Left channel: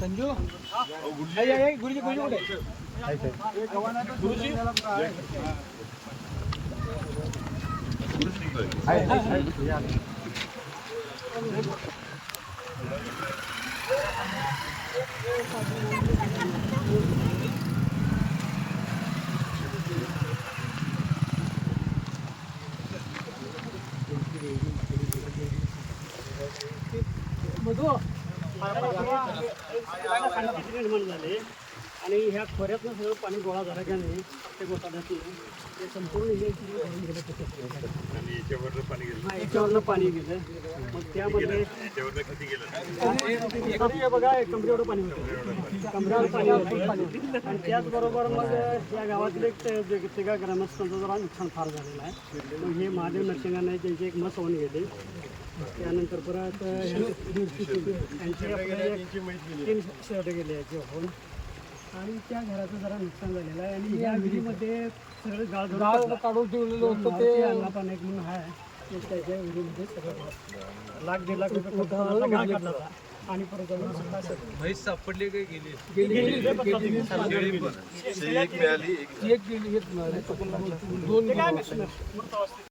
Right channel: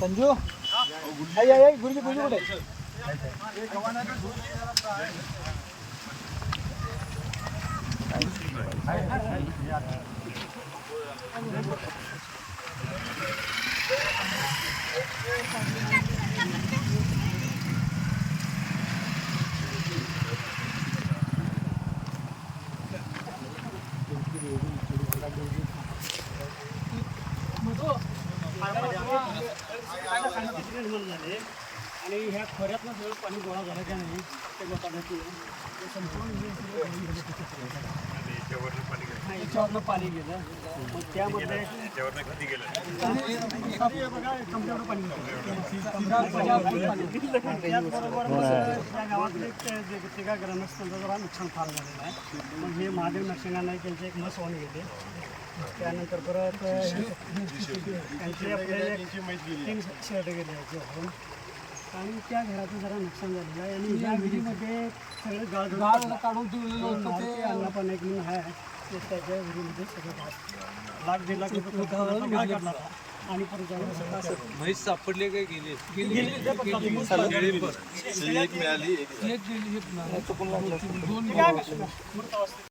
संजू गुरुजी कुठे निर्माण झाले आणि ह्या खोऱ्यातनं सगळं पाणी गोळा झालं का नाही ते गोताड्यातून ते संपूर्ण याच्यावरनं पाणी गेलं मग त्यामध्ये बघा कमरेवर पाणी होतं कमरेवर पाणी होतं आणि त्याचबरोबर मग या गावातील तिघा ग्रामस्थांचं जरा नुकसान फार झालेलं आहे मग हे महादेव नरसिंह नाईक यांचे एक मस होऊन गेले त्यानंतर परत त्यांचे आपले 3 शर्ट गेले याचे होऊन आणि त्या घराचं जरा नुकसान झालेलं आहे आणि या विहिरीमध्ये सगळं गाळ काढून ठेवलेलं होतं ते अन्नापान एक म्हणून आहे त्याच्या विहिरीमध्ये सगळं लाख 1.5 लाख रुपये गाळ काढला होता आणि परत जाऊन म्हैस सापडले काय गेली